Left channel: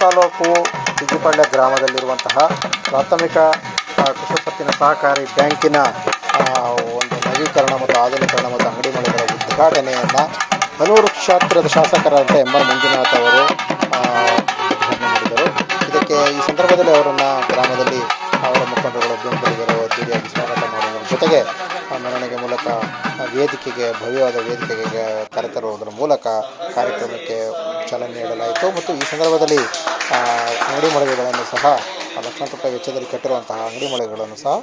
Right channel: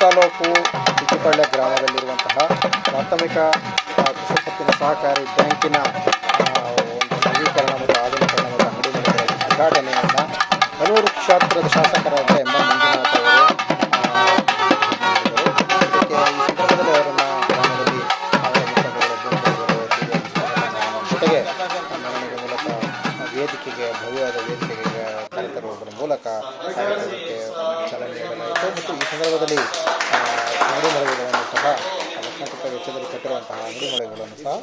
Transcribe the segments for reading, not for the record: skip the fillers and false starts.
ತಾಲೂಕು ಬಿಜಿಪಳ್ಳಿ ಗ್ರಾಮದಲ್ಲಿರುವಂತಹ ಪ್ರಾಥಮಿಕ ಕೃಷಿ ಪತ್ತಿನ ಸಹಕಾರಿ ಬ್ಯಾಂಕಿನ ಒಂದು ನವೀಕರಣ ಮತ್ತು ಆಧುನೀಕರಣ ಮತ್ತು ಅಂಗಡಿ ಮಳಿಗೆಗಳ ಉದ್ಘಾಟನೆಯನ್ನು ಹನೂರು ಕ್ಷೇತ್ರದ ಶಾಸಕರಾದ ಎಂ ಆರ್ ಮಂಜುನಾಥ್ ಅವರು ಮಾಡಿದರು. ಇದಕ್ಕೆ ಈ ಸಂದರ್ಭದಲ್ಲಿ ಅವರನ್ನು ಗ್ರಾಮದಲ್ಲಿ ಅವರ ಮುಖಂಡರುಗಳು ಬೆಂಬಲಿಗರು ಅತಿಥಿಯಾಗಿ ಸ್ವಾಗತ ಮಾಡುವುದರ ಜೊತೆಗೆ ಮೆರವಣಿಗೆ ಮೂಲಕ ವೇದಿಕೆಗೆ ಭವ್ಯವಾದ ವೇದಿಕೆಗೆ ಕರೆತರುವುದರ ಮೂಲಕ ಕಾರ್ಯಕ್ರಮಕ್ಕೆ ಚಾಲನೆ ನೀಡಲಾಯಿತು. ಮತ್ತು ಈ ಸಂದರ್ಭದಲ್ಲಿ ಅಂಗಡಿ ಮಳಿಗೆಗಳನ್ನು ಸಹ ಲಕ್ಷಾಂತರ ರೂಪಾಯಿ ವೆಚ್ಚದಲ್ಲಿ ಕಟ್ಟಿರುವಂತಹ ಅಂಗಡಿ ಮಳಿಗೆಗಳನ್ನು ಸಹ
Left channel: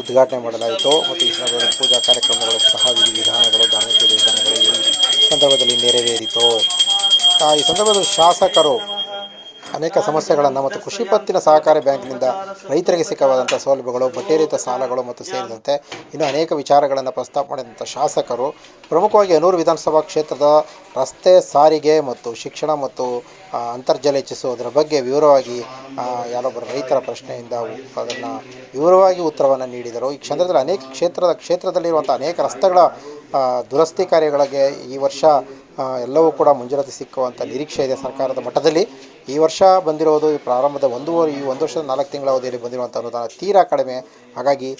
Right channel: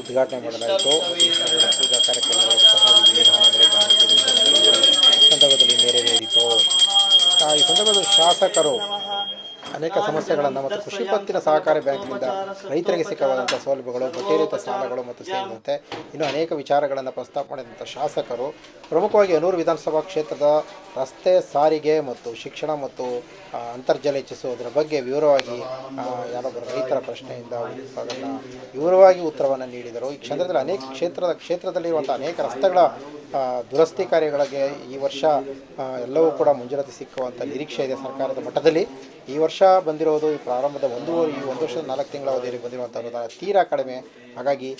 ಉದ್ಘಾಟನೆ ಮಾಡಲಾಯಿತು. ಮತ್ತು ಈ ಸಂದರ್ಭದಲ್ಲಿ ಪೂಜಾ ಕಾರ್ಯಕ್ರಮಗಳು ಸಹ ವಿಧಾನಗಳು ಧಾರ್ಮಿಕ ಯೋಜನೆಗಳು ಈ ಸಂದರ್ಭದಲ್ಲಿ ನೆರವೇರಿತು. ಈ ಸಂದರ್ಭದಲ್ಲಿ ಶಾಸಕರು ಅನೇಕ ಸಮಸ್ಯೆಗಳನ್ನು ಮತ್ತು ಕೃಷಿ ಪತ್ತಿನ ಸಹಕಾರಿ ಬ್ಯಾಂಕಿನಿಂದ ರೈತರಿಗೆ ಸಿಕ್ಕವಾದಂಥ ಸೌಲಭ್ಯಗಳು, ಬಡ್ಡಿರಹಿತ ಸಾಲಗಳು ಮತ್ತು ಸೇರಿದಂತೆ ಇನ್ನೂ ಅನೇಕ ವಿಚಾರಗಳನ್ನು ಪ್ರಸ್ತಾಪ ಮಾಡಿದಂಥ ಶಾಸಕರು ಪ್ರಮುಖವಾಗಿ ಹನೂರು ವಿಧಾನಸಭಾ ಕ್ಷೇತ್ರದ ರಸ್ತೆ ಸಾರಿಗೆ ಮತ್ತು ಶಿಕ್ಷಣ ಮತ್ತು ಅಂತರ್ಜಲ ಹೆಚ್ಚಿಸುವುದರ ಬಗ್ಗೆ ವಿವರವಾಗಿ ಯಾರೊಬ್ಬರ ರೈತರ ಪ್ರಶ್ನೆಯಿಂದ ಅದನ್ನು ವಿವರವಾಗಿ ಉತ್ತರವನ್ನು ನೀಡಿದರು. ಈ ಕ್ಷೇತ್ರದಲ್ಲಿ ಅನೇಕ ಕ್ಷೇತ್ರದಲ್ಲಿರುವಂಥ ಅನೇಕ ರಸ್ತೆಗಳ ದುರಸ್ತಿ ಕಾರ್ಯಗಳಿಗೆ ಈ ವರ್ಷ ಎಲ್ಲವೂ ಕೂಡ ಮಂಜೂರಾತಿ ಸಿಕ್ಕುವಂಥ ನಿರೀಕ್ಷೆ ಇದೆ ಸರ್ಕಾರದ ಮಟ್ಟದಲ್ಲಿ. ಈ ವರ್ಷ ಬಂದಿರೋದು ಈ ಪ್ರಾರಂಭದ ಒಂದು ವರ್ಷದ 4 ತಿಂಗಳ ಅವಧಿಯಲ್ಲಿ ಬಂದಿರುವಂಥ ಅನುದಾನ ತೀರಾ ಕಡಿಮೆ. ಹಾಗಾಗಿ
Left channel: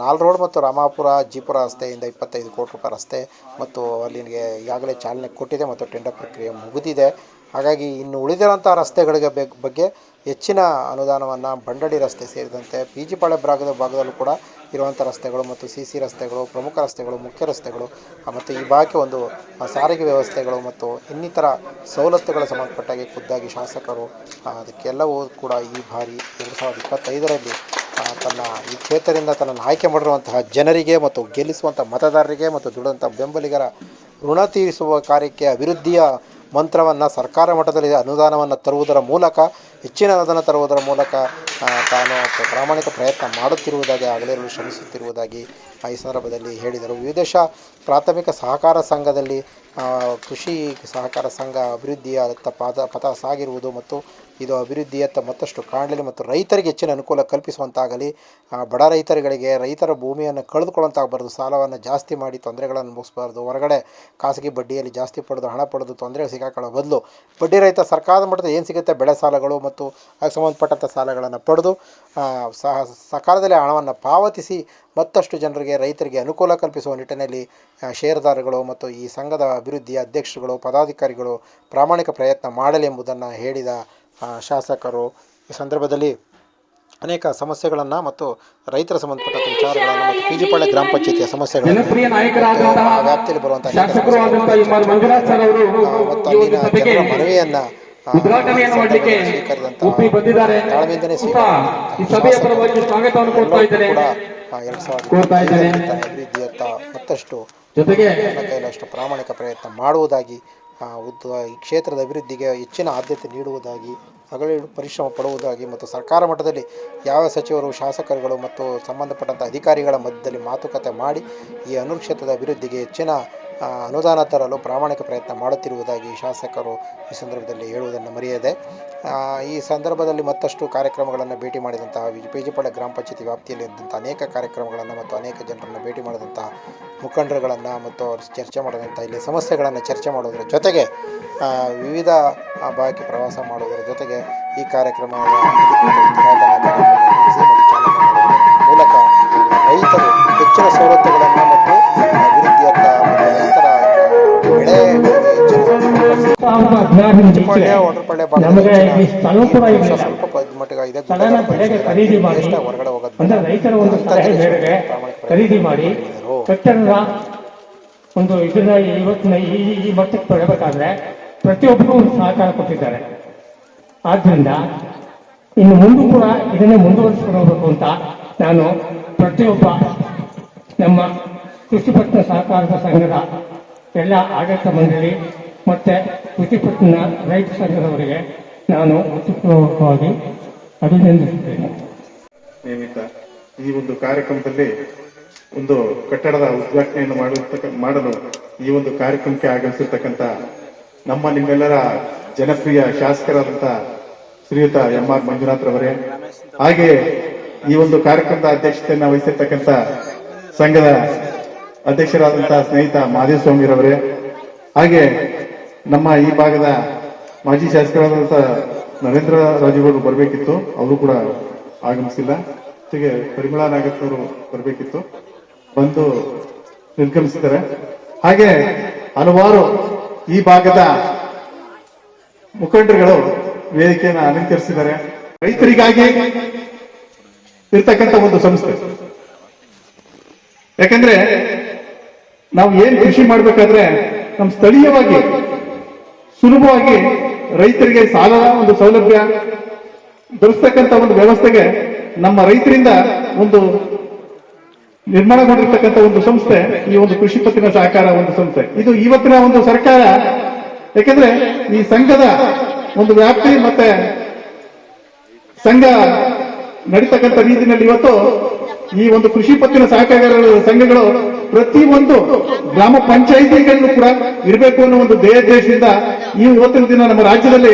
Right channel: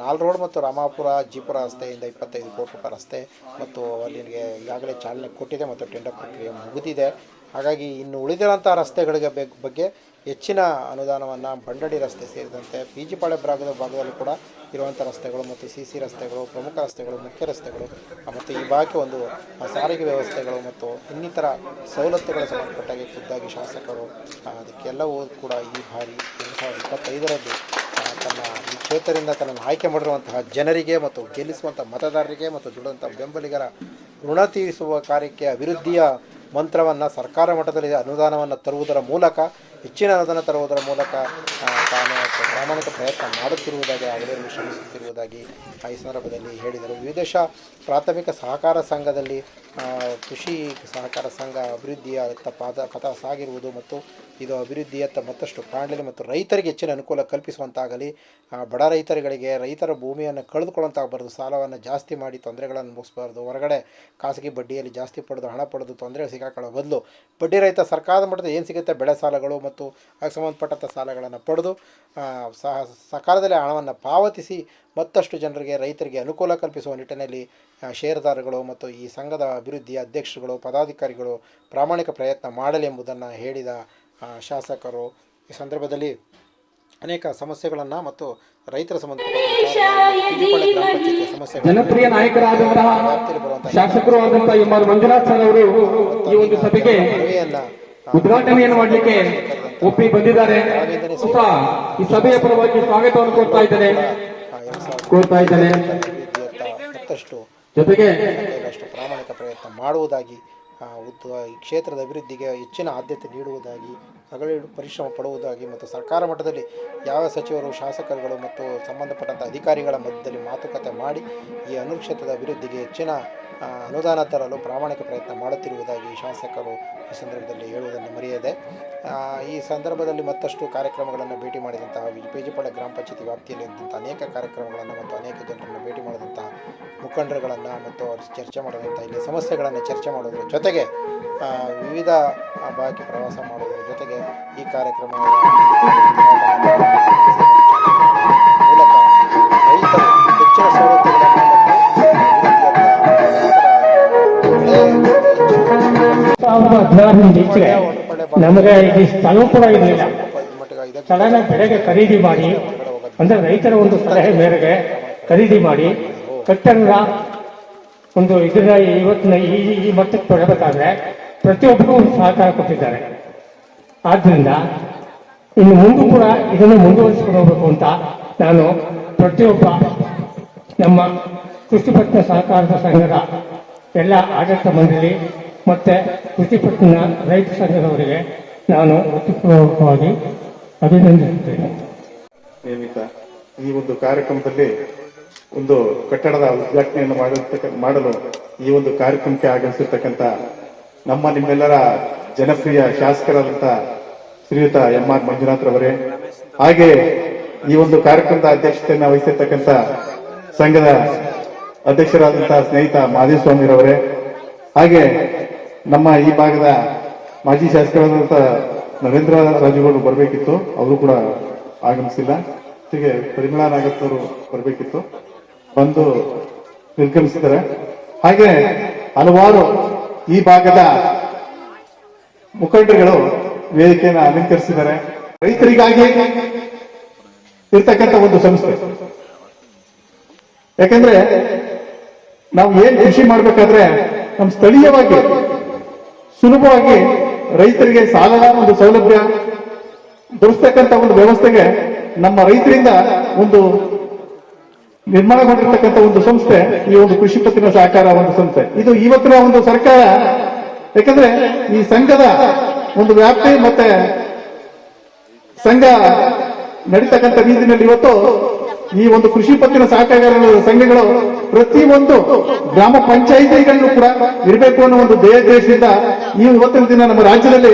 ನಾಲ್ ರೋಡ್ ಮತ್ತು ರಾಮಾಪುರ ಜೀಪುರ ರಸ್ತೆಯಿಂದ 25 ಕೋಟಿ ರೂಪಾಯಿ ರಸ್ತೆ ಮತ್ತು ಅಲ್ಲಿಗೆ ಈಗಾಗಲೇ ಚಾಲನೆ ಕೊಟ್ಟಿದೆ ಮತ್ತು ಟೆಂಡರ್ ಪ್ರಕ್ರಿಯೆ ಮುಗಿದಿದೆ. ಹಾಗಾಗಿ ಇನ್ನು ಉಳಿದಿರುವಂಥ ರಸ್ತೆಗಳಿಗೆ ಬಗ್ಗೆ ಹೆಚ್ಚಿನ ಅನುದಾನವನ್ನು ಬಂಡಡಿ ರಸ್ತೆ ಸೇರಿದಂತೆ ಬಿಜಿಪಾಳ್ಯ ಭಾಗದಲ್ಲೂ ಕೂಡ ಇರುವಂಥ ರಸ್ತೆಗಳು ಮತ್ತು CC ರಸ್ತೆಗಳು, ಪ್ರಮುಖ ರಸ್ತೆಗಳು, ಮುಖ್ಯ ರಸ್ತೆಗಳು ಮತ್ತು ಈ ಭಾಗಕ್ಕೆ ಒಂದು ಸಾರಿಗೆ ವ್ಯವಸ್ಥೆಗಳು ಮತ್ತು ಇನ್ನಿತರ ಸವಲತ್ತುಗಳ ಸಂಬಂಧಪಟ್ಟಾಗಿ ಖುದ್ದಾಗಿ ಶಾಸಕರು ಅದಕ್ಕೆಲ್ಲವೂ ಕೂಡ ಈ ಬಾರಿ 2025ರಲ್ಲಿ ತನ್ನ ಈ ಕ್ಷೇತ್ರದಿಂದ ತನ್ನನ್ನು ಆಯ್ಕೆ ಮಾಡಿರುವಂತಹ ಜನರಿಗೆ ಮತ್ತು ಗೆಲ್ಲಿಸುವಂಥ ಮತದಾರರಿಗೆ ಮತ್ತು ದುಡಿದಂಥ ಬೆಂಬಲಿಗರ ಋಣ ತೀರಿಸುವ ಕಾರ್ಯಕ್ಕೆ ಅಭಿವೃದ್ಧಿಯ ಮಂತ್ರವನ್ನು ಸರ್ಕಾರ ಮಟ್ಟದಲ್ಲಿ ಅನುದಾನವನ್ನು ತರುವುದರ ಮೂಲಕ ಹೆಚ್ಚಿನ ಅನುದಾನ ತರುವುದರ ಮೂಲಕ ತಾನು ಪ್ರಾಮಾಣಿಕ ಪ್ರಯತ್ನ ಮಾಡುತ್ತಿರುವುದಾಗಿ ಆಗಲೇ ಶ್ರಮಿಸುತ್ತಿರುವುದಾಗಿ ಈ ಸಂದರ್ಭದಲ್ಲಿ ಹೇಳಿದರು. ವಿವಿಧ ಪ್ರಾಥಮಿಕ ಸಹಕಾರ ಸಂಘದಲ್ಲಿ ಕೃಷಿ ಸಹಕಾರ ಸಂಘ ಅಭಿವೃದ್ಧಿಯತ್ತ ಪಥ ಸಾಗಿರುವುದು ಮತ್ತು ಇದು ಅಭಿವೃದ್ಧಿಯತ್ತ ಮತ್ತಷ್ಟು ಕಾಣಲಿ ಮತ್ತು ರೈತರಿಗೆ ಹೆಚ್ಚಿನ ಅನುಕೂಲ ಕಲ್ಪಿಸುವಂತಾಗಲಿ. ಬಡ ರೈತರುಗಳಿಗೆ ರೈತರ ಭೂಮಿಯನ್ನು ಕಳೆದುಕೊಳ್ಳುವಂತಾಗಬಾರ್ದು, ಸಾಲವನ್ನು ಜಾಸ್ತಿ ಮಾಡಿ ತೊಂದರೆಗಳನ್ನು ಮುಗಿಸಬಾರ್ದು, ಹೊರಗಡೆ ಖಾಸಗಿ ಬಡ್ಡಿಯಲ್ಲಿ ಜಾಸ್ತಿ ಪಡೆದು ಹಣ ಪಡೆದು ತೊಂದರೆ ಸಿಗಾಕೊಳ್ಳೋ ಬದಲು ಬಡ್ಡಿ ರಹಿತ ಸರ್ಕಾರದ ಮಟ್ಟದ ಏನು ಸಿಗುತ್ತೆ ಬೆಳೆ ಸಾಲಗಳು ಮತ್ತು ಅದಕ್ಕೆ ಸಂಬಂಧಪಟ್ಟಂಥ ಸಾಲಗಳನ್ನು ಪಡೆದು ಸಕಾಲದಲ್ಲಿ ಹಣವನ್ನು ಪಾವತಿಸಿ ಮತ್ತಷ್ಟು ಜನರಿಗೆ ರೈತರಿಗೆ ಅನುಕೂಲ ಕಲ್ಪಿಸುವ ನಿಟ್ಟಿನಲ್ಲಿ ಷೇರುದಾರಗಳು ಮತ್ತು ಈ ಸಂಘದ ಅಭಿವೃದ್ಧಿಯ ಅಧ್ಯಕ್ಷರುಗಳು ಪದಾಧಿಕಾರಿಗಳು ಪ್ರಾಮಾಣಿಕ ಪ್ರಯತ್ನ ಮಾಡಲಿ ಎಂಬುದನ್ನು ಹೇಳಿದ ಶಾಸಕರು ಈ ಸಂದರ್ಭದಲ್ಲಿ ಅನೇಕ ಸಮಸ್ಯೆಗಳನ್ನು ಮತ್ತು ರೈತರ ಸಂಬಂಧಪಟ್ಟ ವಿಚಾರಗಳನ್ನು ಮತ್ತು ಬಿಜಿಪಳ್ಳಿ ಗ್ರಾಮ ಪಂಚಾಯತಿಯ ಸಮಸ್ಯೆಗಳನ್ನು ಜನಪ್ರಿಯ ನಾಯಕರಾದಂತಹ ವ್ಯಾಪ್ತಿಯಲ್ಲಿ ಬರುವಂತಹ ಶಾಸಕರು ಆದಂತಹ ಮಂಜುನಾಥ್ ಸರ್ ಅವರು ಈ ಒಂದು ಸಭೆಗೆ ಮನವಿಯನ್ನು ಉದ್ಘಾಟನೆಯನ್ನು ಮಾಡಲಿಕ್ಕೆ ಒಪ್ಪಿ ಬಂದಿದ್ದಾರೆ. ಈ ಸಭೆಯ ಪರವಾಗಿ ಸ್ವಾಗತವನ್ನು ಕೋರ್ತಾ ಇದ್ದೇನೆ. ಅಭಿವೃದ್ಧಿಯತ್ತ ಮತ್ತಷ್ಟು ಜೊತೆಗೆ ಕೈಲಷ್ಟು ಪ್ರಾಮಾಣಿಕ ಪ್ರಯತ್ನ ಮಾಡುವುದಾಗಿ ಈ ಕ್ಷೇತ್ರದ ಅಭಿವೃದ್ಧಿಗೆ ಹೆಚ್ಚಿನ ಆದ್ಯತೆ ನೀಡುವುದಾಗಿ ಹಗಲಿರುಳು ಪರಿಶ್ರಮ ಪಡುವುದಾಗಿ ಮತ್ತು ಸರ್ಕಾರ ಮಟ್ಟದಲ್ಲಿ ಯಾವ ಸಚಿವರು ಶಾಸಕರುಗಳು ಮತ್ತು ಸಂಬಂಧಪಟ್ಟಂಥ ಅಧಿಕಾರಿಗಳ ಮಧ್ಯದಲ್ಲಿ ಮಾತುಕತೆ ಮಾಡಿ ಈ ಹನೂರು ಕ್ಷೇತ್ರದ ಅಭಿವೃದ್ಧಿಗೆ ಹೆಚ್ಚಿನ ಅನುದಾನ ತರಲು ಪ್ರಾಮಾಣಿಕ ಪ್ರಯತ್ನ ಮಾಡುತ್ತಿರುವುದಾಗಿ ಶಾಸಕರು ಈ ಸಂದರ್ಭದಲ್ಲಿ ಹೇಳುವುದನ್ನು ಮರೆಯದೆ ಈ ಸಂದರ್ಭದಲ್ಲಿ ಮತ್ತಷ್ಟು ಕಾರ್ಯಕ್ರಮಗಳನ್ನು ಭೇಟಿ ಮಾಡಿದಂತಹ ಬಿಜಿಪಳ್ಳಿ ಗ್ರಾಮ ಪಂಚಾಯತಿ ವ್ಯಾಪ್ತಿಯಲ್ಲಿ ಇದ್ದಂಥ ಅನೇಕ ಕಾರ್ಯಕ್ರಮಗಳನ್ನು ಮತ್ತು ಅನೇಕ ಜನರನ್ನು ಭೇಟಿ ಮಾಡಿದಂಥ ಮುಖಂಡರುಗಳನ್ನು ಮತ್ತು ಚರ್ಚೆ ಮಾಡಿದಂಥ ಇಲ್ಲಿ ಸಮಸ್ಯೆಗಳನ್ನು ಚರ್ಚೆ ಮಾಡೋದರ ಜೊತೆಗೆ ವಿವಿಧ ಭಾಗಕ್ಕೆ ಪ್ರವಾಸ ಮಾಡುವುದರ ಜೊತೆಗೆ ಈ ಕಾರ್ಯಕ್ರಮವನ್ನು ಮೂಲಕ ರೈತರು ಹೆಚ್ಚಿನ ಸವಲತ್ತುಗಳನ್ನು ಮತ್ತು ಅಭಿವೃದ್ಧಿಯತ್ತ ರೈತರ ಖರೀದಿ ಮಾಡಿ ಕಟ್ಟಡದ ಒಂದು ಇದನ್ನ ಇವತ್ತಿನ ಈ ಮಟ್ಟಕ್ಕೆ ಬರಬೇಕಾದ್ರೆ ಪ್ರತಿಯೊಬ್ಬರು ಒಂದು ಸಹಕಾರ ಕೊಟ್ಟಿದ್ದಾರೆ. ಆದ್ರಿಂದ ಇನ್ನು ಮುಂದೆ ಕೂಡ ಇದನ್ನು ಮುಂದುವರಿಸಿಕೊಂಡು ಹೋಗಬೇಕು ಅಂತ ನಾನು ಪ್ರತಿಯೊಬ್ಬ ನಮ್ಮ ಕೃಷಿಪತ್ತಿನ ಸಹಕಾರದ ಸಂಘದ ಎಲ್ಲ ಆಡಳಿತ ಮಂಡಳಿ ಮತ್ತೆ ಕೃಷಿಪತ್ತಿನ ರೈತ ಸಂಘದವರಿಗೆ ನಾನು ಹೃತ್ಪೂರ್ವಕವಾಗಿ ಅಭಿನಂದಿಸುತ್ತೇನೆ. ಈ ಒಂದು ಕಾರ್ಯಕ್ರಮದಲ್ಲಿ ಒಂದು ಕಟ್ಟಡದ ಉದ್ಘಾಟನೆಯನ್ನು ಮಾಡಲು ಈ ಒಂದು ಕಾರ್ಯಕ್ರಮಕ್ಕೆ ಆಗಮಿಸಿರ್ತಕ್ಕಂಥ ನಮ್ಮ ನಿಮ್ಮೆಲ್ಲರ ಜನಪ್ರಿಯ ಶಾಸಕರಾದಂಥ ಶ್ರೀಯುತ ಎಂ ಆರ್ ಮಂಜುನಾಥ್ ರವರೇ, ಹಾಗೆ ಈ ಒಂದು ಕಾರ್ಯಕ್ರಮದ ಅಧ್ಯಕ್ಷತೆಯನ್ನು ವಹಿಸಿರ್ತಕ್ಕಂಥ ಸಂಘದ ಅಧ್ಯಕ್ಷರಾದಂತಹ ಸ್ನೇಹಿತ ಮಾದೇಸ್ವಾಮಿರವರೇ, ಹಾಗೆ ನಮ್ಮ ಈ ಭಾಗದ ಮಾಜಿ ಶಾಸಕರಾದಂತಹ ನರೇಂದ್ರ ರಾಜುಗಳು ಬರಬೇಕಿತ್ತು, ಅವರು ಕೂಡ ಆಗಮಿಸಿಲ್ಲ. ಜೊತೆಗೆ ಪರಿಮಳಾ ನಾಗತ್ ಅವರು ಬರಬೇಕಿತ್ತು, ಬಂದು ನಿರ್ಗಮಿಸಿದ್ದಾರೆ. ಹಾಗೆ ಹಲವಾರು ಈ ಭಾಗದ ಮುಖಂಡರುಗಳು ವೇದಿಕೆಯನ್ನು ಅಲಂಕರಿಸಿದ್ದಾರೆ. ರೈತರಿಗಾಗಿ ಇರ್ತಕ್ಕಂಥ ಒಂದು ಸಂಸ್ಥೆ. ಯಾಕಂದ್ರೆ ನಾವು ಏನ್ ಕೃಷಿ ಮಾಡ್ಬೇಕಾದ್ರೆ ನಮ್ಮ ಸ್ಥಳೀಯವಾಗಿ ಸುಲಭವಾಗಿ ರೈತರಿಗೆ ಸಾಲದ ಒಂದು ಸೌಲಭ್ಯ ದೊರಕತಕ್ಕಂಥ ಒಂದು ವ್ಯವಸ್ಥೆಗೆ ನಮ್ಮ ರೈತರಿಂದ ಒಂದು ನಿರ್ಮಾಣಗೊಂಡಿರ್ತಕ್ಕಂಥ ಒಂದು ಸಂಸ್ಥೆ ಈ ಒಂದು ಕೃಷಿ ಪತ್ತಿನ ಸಹಕಾರ ಒಂದು ಸಂಸ್ಥೆ. ಇದು ಇವತ್ತಿನ ಒಂದು ಸರ್ಕಾರ, ಯಾಕಂದ್ರೆ ಈ ಸಂಘದ ಒಂದು ವ್ಯಾಪ್ತಿ ಮತ್ತೆ ಸಂಘ ನಡೀತಕ್ಕಂಥ ರೀತಿಯಲ್ಲಿ ಇವತ್ತು ಈ ಒಂದು ಕೃಷಿ ಪತ್ತಿನ ಸಹಕಾರ ಸಂಘಗಳು ಪ್ರತಿಯೊಂದು ಗ್ರಾಮ ಪಂಚಾಯಿತಿಗಳಲ್ಲೂ ಕೂಡ ಇರಬೇಕು ಅನ್ನೋ ಒಂದು ದೇಶದಿಂದ ಈ ಇವತ್ತಿನ ದಿನ ನಮ್ಮ ರಾಜ್ಯದಲ್ಲಿ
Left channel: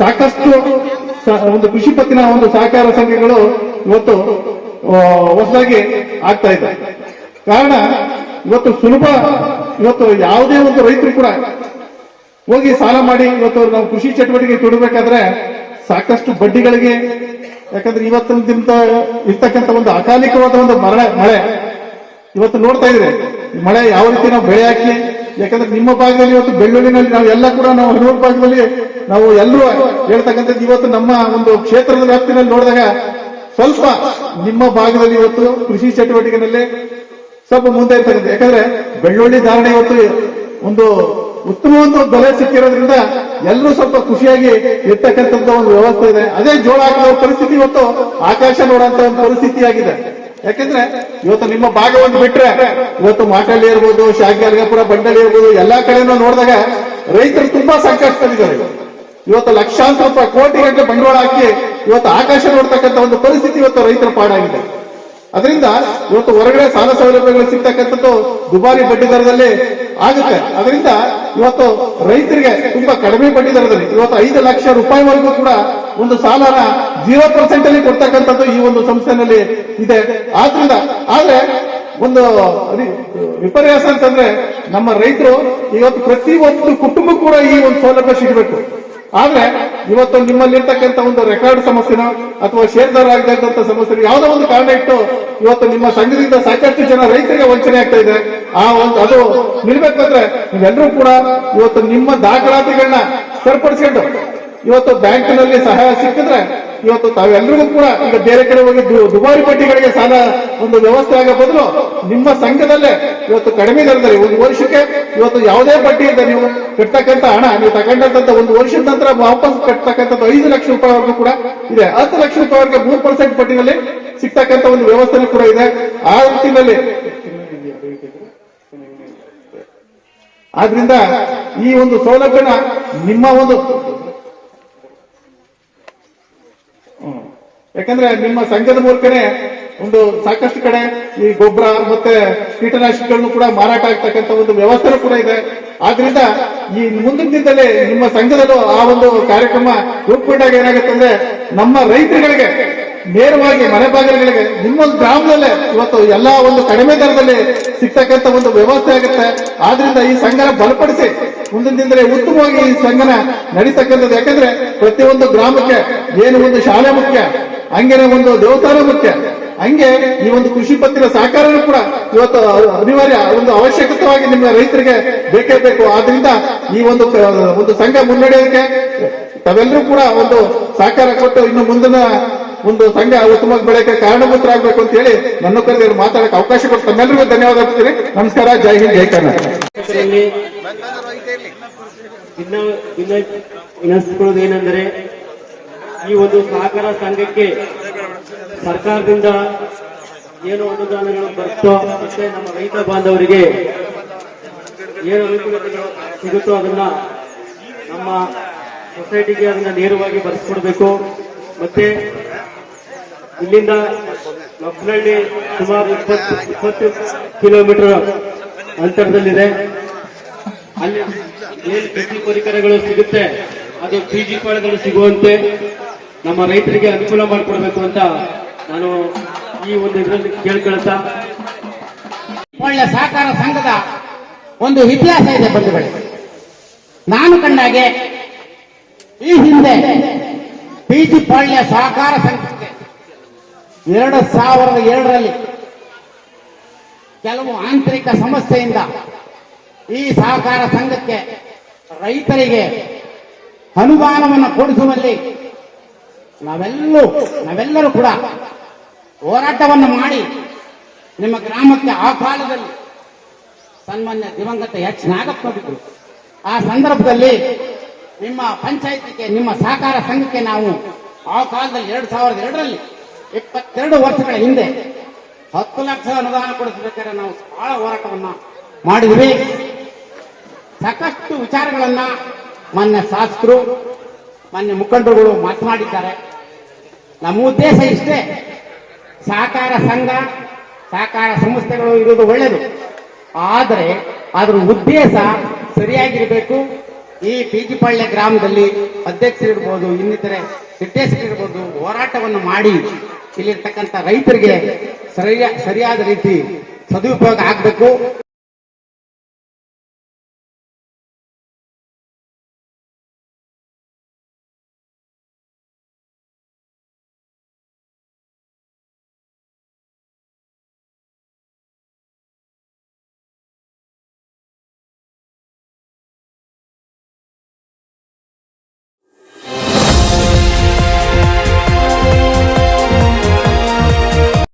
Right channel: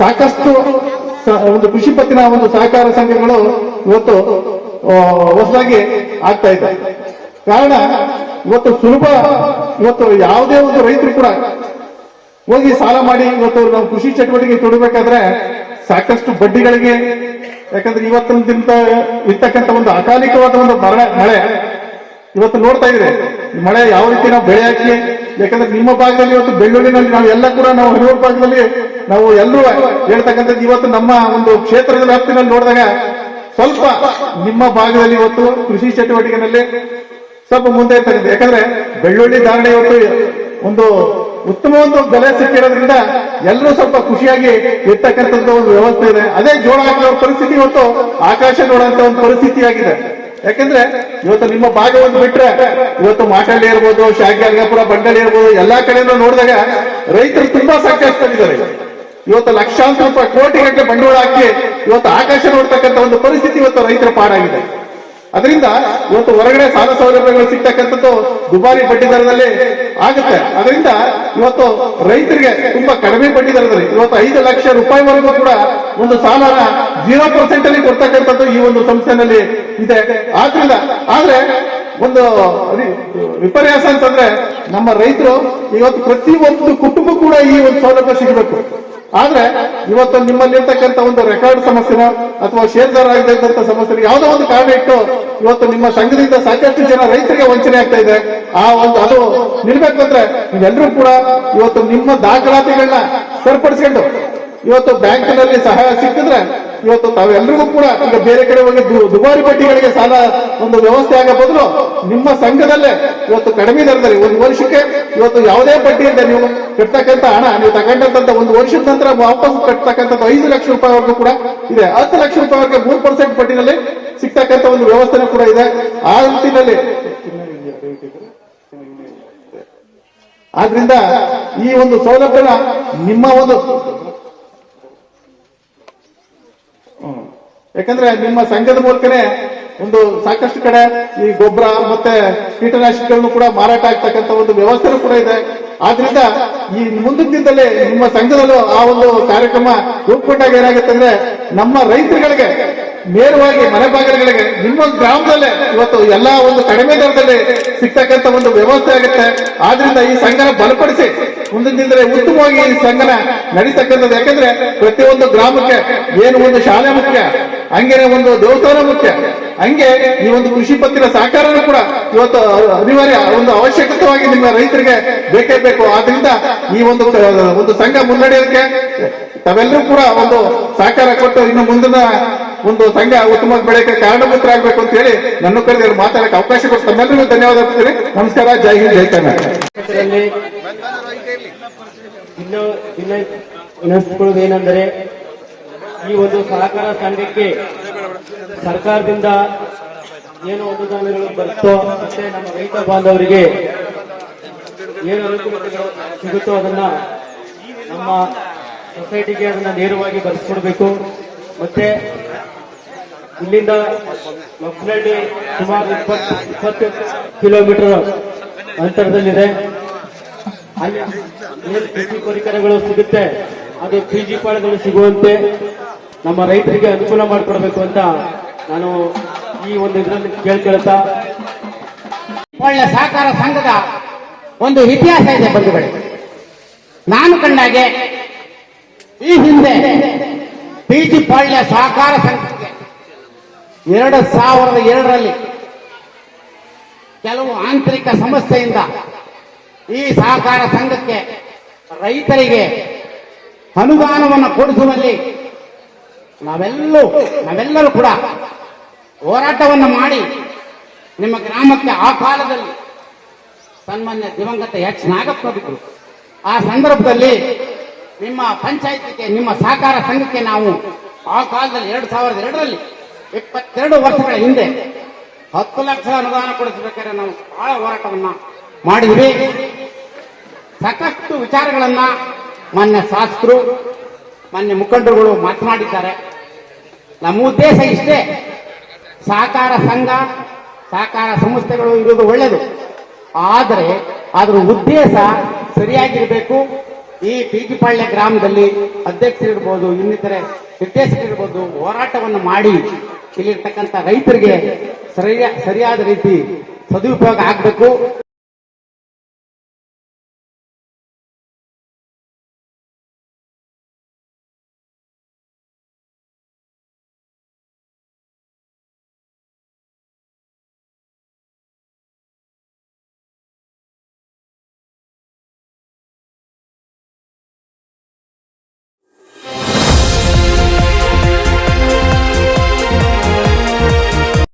ಸಾಕಷ್ಟು ಒಂದು ಕೃಷಿ ಪತ್ತಿನ ಒಂದು ಸಹಕಾರ ಸಂಘಗಳು ಇವತ್ತು ಹೊಸದಾಗಿ ಆಗ್ತಾ ಇದೆ. ಕಾರಣ ಇವತ್ತು ಸುಲಭ, ಇವತ್ತು ಯಾವುದೇ ಒಂದು ರೈತರು ಕೂಡ ಹೋಗಿ ಸಾಲ ಮಾಡಿ ಇವತ್ತು ನಾವು ಕೃಷಿ ಚಟುವಟಿಕೆ ತೊಡಬೇಕಾದ್ರೆ ಸಾಕಷ್ಟು ಬಡ್ಡಿಗಳಿಗೆ, ಯಾಕಂದ್ರೆ ಇವತ್ತಿನ ದಿನ ಇರ್ತಕ್ಕಂಥ ಒಂದು ಅಕಾಲಿಕವಾದ ಒಂದು ಮಳೆ ಇವತ್ತು ನೋಡ್ತಾ ಇದ್ರೆ ಮಳೆ ಯಾವ ರೀತಿ ನಾವು ಬೆಳೆ ಹಾಕಿ, ಯಾಕಂದ್ರೆ ನಿಮ್ಮ ಭಾಗದಲ್ಲಿ ಇವತ್ತು ಬೆಳ್ಳುಳ್ಳಿನಲ್ಲಿ ನಾವು ಎಲ್ಲ ಕೂಡ ನಾವು ಹರಿಯೂರು ಭಾಗದಲ್ಲಿ ನಾವು ಎಲ್ಲರೂ ಹೇಳ್ತಕ್ಕಂಥದ್ದು ಇವತ್ತು ನಮ್ಮ ಒಂದು ಕ್ಷೇತ್ರದ ವ್ಯಾಪ್ತಿನಲ್ಲಿ ನೋಡಿದಾಗ ಸ್ವಲ್ಪ ನಿಮ್ಮ ಭಾಗದಲ್ಲಿ ಇವತ್ತು ಕೃಷಿ ಚಟುವಟಿಕೆನಲ್ಲಿ ಸ್ವಲ್ಪ ಮುಂದೆ ಇರ್ತಕ್ಕಂಥ, ಯಾಕಂದ್ರೆ ಬೆಳ್ಳುಳ್ಳಿ ಧಾರಣೆ ಇವತ್ತು ಒಂದು ಉತ್ತಮ ಒಂದು ಬೆಲೆ ಸಿಕ್ಕಿರೋದ್ರಿಂದ ಎಲ್ಲರೂ ಸ್ವಲ್ಪ ಖುಷಿಯಾಗಿ ಇರ್ತಕ್ಕಂಥದ್ದು ಒಂದು ವ್ಯವಸ್ಥೆ ಇದೆ. ಅದೇ ಜೋಳ ಹಾಕುವ ಪರಿಸ್ಥಿತಿ ಇವತ್ತು ಆಕಾಶ ನೋಡುವಂತ ಒಂದು ಪರಿಸ್ಥಿತಿ ಆಗಿದೆ. ಯಾಕಂದ್ರೆ ಇವತ್ತು ನಿಮ್ಮ ಭಾಗ ಒಂದು ಬಿಟ್ರೆ ಇವತ್ತು ಮಾಟಳ್ಳಿ ಇರ್ಬೋದು, ಶಾಖಾಲ್ಗಾಪುರ, ಬಂಡಳಿ ಇರ್ಬೋದು, ಎಲ್ಲಾ ಕಡೆನೂ ನೋಡಿದಾಗ ರೈತರು ತುಂಬಾ ಸಂಕಷ್ಟದಲ್ಲಿದ್ದಾರೆ. ಇವತ್ತು ಲಕ್ಷಾಂತರ ರೂಪಾಯಿ, ಕೋಟಿಗಟ್ಟಲೆ ಬಂಡವಾಳ ಹಾಕಿ ಇವತ್ತು ಆಕಾಶ ನೋಡ್ತಕ್ಕಂಥ ಒಂದು ಪರಿಸ್ಥಿತಿ ಇವತ್ತು ರೈತರ ಪಾಡಾಗಿದೆ. ಅದರಿಂದ ಇವತ್ತು ಹೊರಗಡೆ ಸಾಲ ಸೌಲಭ್ಯಗಳು ಸಿಗ್ತಕ್ಕಂಥದ್ದು ದುಬಾರಿ ಬಡ್ಡಿ ದರದಲ್ಲಿ ಆಗುತ್ತೆ. ಅದರಿಂದ ಇವತ್ತು ರೈತರಿಗೆ ತುಂಬಾ ಕಡಿಮೆ ಬಡ್ಡಿ ದರದಲ್ಲಿ ಇವತ್ತು 5 ಲಕ್ಷ ರೂಪಾಯಿವರೆಗೂ ಕೂಡ ಒಂದು ಸಾಲನ 0% ಅಲ್ಲಿ ಕೊಡ್ತಕ್ಕಂಥದ್ದು ಈ ಒಂದು ಸಂಸ್ಥೆನಲ್ಲಿ ಇದೆ. ಆದ್ರೆ ಒಂದು ವಿಪರ್ಯಾಸ ಅಂತಂದ್ರೆ ನಮ್ಮ ರೈತರು ಇವತ್ತು ಪ್ರತಿಯೊಂದು ಕುಟುಂಬ ಕೂಡ ಈ ಒಂದು ಸೌಲಭ್ಯ ಸಿಗಬೇಕು. ಆದ್ರೆ ಇವತ್ತು ನಿಮ್ಮಲ್ಲಿರ್ತಕ್ಕಂಥ ಒಂದು ರೆಕಾರ್ಡ್ ಸಮಸ್ಯೆನ ಅಥವಾ ಷೇರ್ದಾರ ಆಗಿದ್ದಂತ ಸಮಸ್ಯೆ ಯಾವುದೋ ಒಂದು ಕಾರಣ ಇಟ್ಟು ಇವತ್ತು ನಿಮ್ಮ ಸಂಘದಿಂದ ಸಾಕಷ್ಟು ಜನ ರೈತರಿಗೆ ವಂಚನೆ ಆಗ್ತಾ ಇದೆ. ಅದು ನಿಲ್ಬೇಕಂದ್ರೆ ನೀವೆಲ್ಲರೂ ಕೂಡ ಇವತ್ತು ನಿಮ್ಮ ದಾಖಲಾತಿಗಳನ್ನ ಸರಿಪಡಿಸ್ಕೊಂಡು ಇವತ್ತು ಬ್ಯಾಂಕಿನಲ್ಲಿ ಸಹಾಯ ಸಿಕ್ಕಿದ್ರೆ ಇವತ್ತು ತಾವೆಲ್ಲರಿಗೂ ಕೂಡ ಈಗ ಬೇರೆ ಕಡೆ ಹೋಗಿ ದುಬಾರಿ ಬಡ್ಡಿಗಳಿಗೆ ಸಾಲ ಒಂದು ವ್ಯವಸ್ಥೆ ಆಗೋ ಬದಲು ನಿಮ್ಮ ಸಂಘದಲ್ಲೇ ಇವತ್ತು ಕಡಿಮೆ ದರದಲ್ಲಿ ಒಂದು ವರ್ಷಕ್ಕೆ ಇವತ್ತು ಯಾವುದೇ ಬಡ್ಡಿಯಿಂದ ನೀವು ಕಟ್ತಕ್ಕಂಥ ಹಣ ನೀವು ತಗೊಂಡಂತ ಒಂದು ವರ್ಷದ ನಂತರ ವಾಪಸ್ ಕಟ್ತಕ್ಕಂಥದ್ದು 5 ಲಕ್ಷ ರೂಪಾಯಿವರೆಗೂ ಕೂಡ ಇದೆ. 10 ಲಕ್ಷ ರೂಪಾಯಿವರೆಗೆ 3% ಬಡ್ಡಿನಲ್ಲಿ ಸಿಗ್ತಕ್ಕಂಥ ಒಂದು ವ್ಯವಸ್ಥೆನೂ ಕೂಡ ಇದೆ. ಆ ನಿಟ್ಟಿನಲ್ಲಿ ಆದ್ರಿಂದ ಈ ಒಂದು ಸೌಲಭ್ಯನ ನಿಮ್ಮ ಒಂದು ಯಾಕಂದ್ರೆ ನಿಮ್ಮ ಸಂಘದ ಮೂಲಕನೇ ಒಂದು ಸಾಕಷ್ಟು ಕಡೆ ಈ ಗೊಬ್ಬರ ಮತ್ತೆ ಕೀಟನಾಶಕಗಳನ್ನು ಕೂಡ ಮಾರಾಟ ಆಗ್ತಕ್ಕಂಥ ಒಂದು ವ್ಯವಸ್ಥೆ ಕೂಡ ಇದೆ. ಆದ್ರಿಂದ ಈ ಮುಂದಿನ ದಿನದಲ್ಲಿ ನಿಮ್ಮ ಸಂಘದಲ್ಲೂ ಆ ಒಂದು ಕಾರ್ಯಕ್ರಮ ರೂಪುಗೊಂಡಾಗ ಏನಾಗುತ್ತೆ ಅಂದ್ರೆ ನಮ್ಮ ರೈತರುಗಳಿಗೆ ನೇರವಾಗಿ ಮನೆ ಬಾಗಿಲುಗಳಿಗೆ ನಿಮ್ಮ ಗ್ರಾಮದಲ್ಲೇ ಇವತ್ತು ಎಲ್ಲಾ ಒಂದು ಕಡಿಮೆ ದರದಲ್ಲಿ ಸಿಗ್ತಕ್ಕಂಥ ಒಂದು ವ್ಯವಸ್ಥೆ ಆಗುತ್ತೆ. ಆದ್ರಿಂದ ಈ ಸಂಘನ ಬಲಪಡಿಸಿ ಮುಂದಿನ ದಿನದಲ್ಲಿ ಉತ್ತಮವಾಗಿ ಈ ಸಂಘನ ನಡೀತಕ್ಕಂಥದ್ದು. ಯಾಕಂದ್ರೆ ಪ್ರತಿಯೊಂದು ಗ್ರಾಮಕ್ಕೆ ಏನು ಒಂದು ಶಾಲೆ ಮುಖ್ಯ, ಹಂಗೇನೆ ಒಂದು ದೇವಸ್ಥಾನ ಮುಖ್ಯ, ಹಂಗೆ ಈ ಒಂದು ಕೃಷಿ ಪತ್ತಿನ ಸಹಕಾರನೂ ಕೂಡ ಇವತ್ತು ಅನಿವಾರ್ಯ, ಒಂದು ಅವಶ್ಯಕತೆವಾಗಿ ನಿಮ್ಮ ರೈತರಿಗೆ ಬೇಕೇ ಬೇಕು. ಆದ್ರಿಂದ ಈ ಒಂದು ಸಂಘ ಮುನ್ನಡೆಯೋದಕ್ಕೆ ತಾವೆಲ್ಲರೂ ಕೂಡ ಒಂದು ಸಹಕಾರ ಕೊಟ್ಟು ಇನ್ನು ಮುಂದಿನ ಒಂದು ಸಂಘ ಉತ್ತಮವಾಗಿ ಬೆಳೆಯಕ್ಕೆ ಕಾರಣಭೂತರಾಗಬೇಕು ಅಂತ ಹೇಳಿ ನನ್ನ ಕರೆದು ಮಾತಾಡಕ್ಕೆ ಅವಕಾಶ ಕೊಟ್ಟು ತಮ್ಮೆಲ್ಲರಿಗೂ ಧನ್ಯವಾದ ಹೇಳ್ತೀನಿ. ನಮಸ್ಕಾರ. ಜೈ ಹಿಂದ್, ಜೈ ಕರ್ನಾಟಕ. ವಿನಂತಿಸುವುದೇನೆಂದರೆ ಈ ಒಂದು ಸಹಕಾರ ಸಂಘಕ್ಕೆ ಸರ್ಕಾರದಿಂದ ಏನು ಅನುದಾನಗಳು ಬರುತ್ತೋ ಮತ್ತೆ ನಮ್ಮ ರೈತ ಬಾಂಧವರಿಗೆ ಏನು ಅನುಕೂಲತೆಗಳು ಸಿಗುತ್ತೋ ಅದನ್ನ ನಮ್ಮ ಸೊಸೈಟಿಗೆ ಅದನ್ನ ನೇರವಾಗಿ ಬರೆಸ್ಕೊಡ್ಬೇಕು. ಮತ್ತೆ ಇಲ್ಲಿಂದ ಮಕ್ಕಳಹಳ್ಳಿ ಸುಮಾರು 20 ಕಿಲೋಮೀಟರ್ ಅಂತರದಲ್ಲಿದೆ. ಅಲ್ಲಿ ಏನು ಕೃಷಿ ಪರಿಕರಗಳು ಸಿಗುತ್ತೆ ಅದು PG ಪಾಳ್ಗಳು ಸಿಗುವಂತೆ ನಮ್ಮ ರೈತರಿಗೆ ಅನುಕೂಲ ಮಾಡಿಕೊಡ್ಬೇಕು ಅಂತ ನಾನು ಈ ಒಂದು ಇದರಲ್ಲಿ ಕೇಳ್ಕೊಳ್ತಾ, ಒಳ್ಳೆ ಸಹಕಾರ ಸಂಘದ ಒಂದು ಇತಿಹಾಸ ಇದೆ ಬಂಧುಗಳೇ. ನಾನು ಕಂಡಾಗೆ ಈ ಹಿಂದೆ ಪಿಜಿ ಪಾಳ್ಯ ಸಹಕಾರ ಸಂಘಕ್ಕೆ 2002ರಲ್ಲಿ ಕೆಲವು ಆಂತರಿಕ ಸಮಸ್ಯೆಯಿಂದ ಈ ಸಹಕಾರ ಸಂಘಕ್ಕೆ ರೈತರಿಗೆ ಅನುದಾನವನ್ನು ಕೊಡಿಸುವಲ್ಲಿ ನಾವೆಲ್ಲರೂ ಕೂಡ ಹೋರಾಟವನ್ನು ಮಾಡಿ ನಿಮ್ಮ ಗ್ರಾಮಕ್ಕೆ ಆ ಕಾಲದಲ್ಲಿ ಸನ್ಮಾನ್ಯ ದಿವಂಗತ ಎಚ್ ನಾಗಪ್ಪನವರು ಆ ಸಂದರ್ಭದಲ್ಲಿ ನಿಮ್ಮ ಪಂಚಾಯತಿಗೆ ನಿಮ್ಮ ಸಹಕಾರ ಸಂಘಕ್ಕೆ ನಾವು ಆ ಕಾಲದಲ್ಲಿ 2002ರಲ್ಲಿ 22 ವರ್ಷಗಳ ಹಿಂದೆ 10 ಲಕ್ಷ ಅನುದಾನ ಕೊಡಿಸಬೇಕಾದ್ರೆ ನಾವು ಬಹಳ ಹೋರಾಟವನ್ನ ಮಾಡಿದ್ವಿ. ಸಾಕಷ್ಟು ವಿಚಾರಗಳನ್ನ ಮಾನ್ಯ ಶಾಸಕರು ಮಾನ್ಯ ಮುಖಂಡರುಗಳು ಮಾತನಾಡಿದ್ದಾರೆ. ನಮ್ಮ ಉದ್ದೇಶ ಇಷ್ಟೇ, ಸಹಕಾರ ಸಂಘ ಸಹಕಾರ ಸಂಸ್ಥೆಗಳು ಇರೋದು ಒಳ್ಳೆಯದು, ಆದರೆ ಅದರ ಉದ್ದೇಶ ಸರಿಯಾಗಿರಬೇಕು. ಈ ಪಿಜಿಪಾಳ್ಯ ಗ್ರಾಮದಲ್ಲಿ ಅಧ್ಯಕ್ಷರಿರ್ಬೋದು, ಇನ್ನಿತರೆ ನಿರ್ದೇಶಕರಿರ್ಬೋದು ಹೋರಾಟವನ್ನು ಮಾಡಿ ಇಲ್ಲಿರ್ತಕ್ಕಂಥ ರೈತರಿಗೆ ಸರಿಯಾದ ರೀತಿ ಸದುಪಯೋಗ ಆಗಬೇಕು.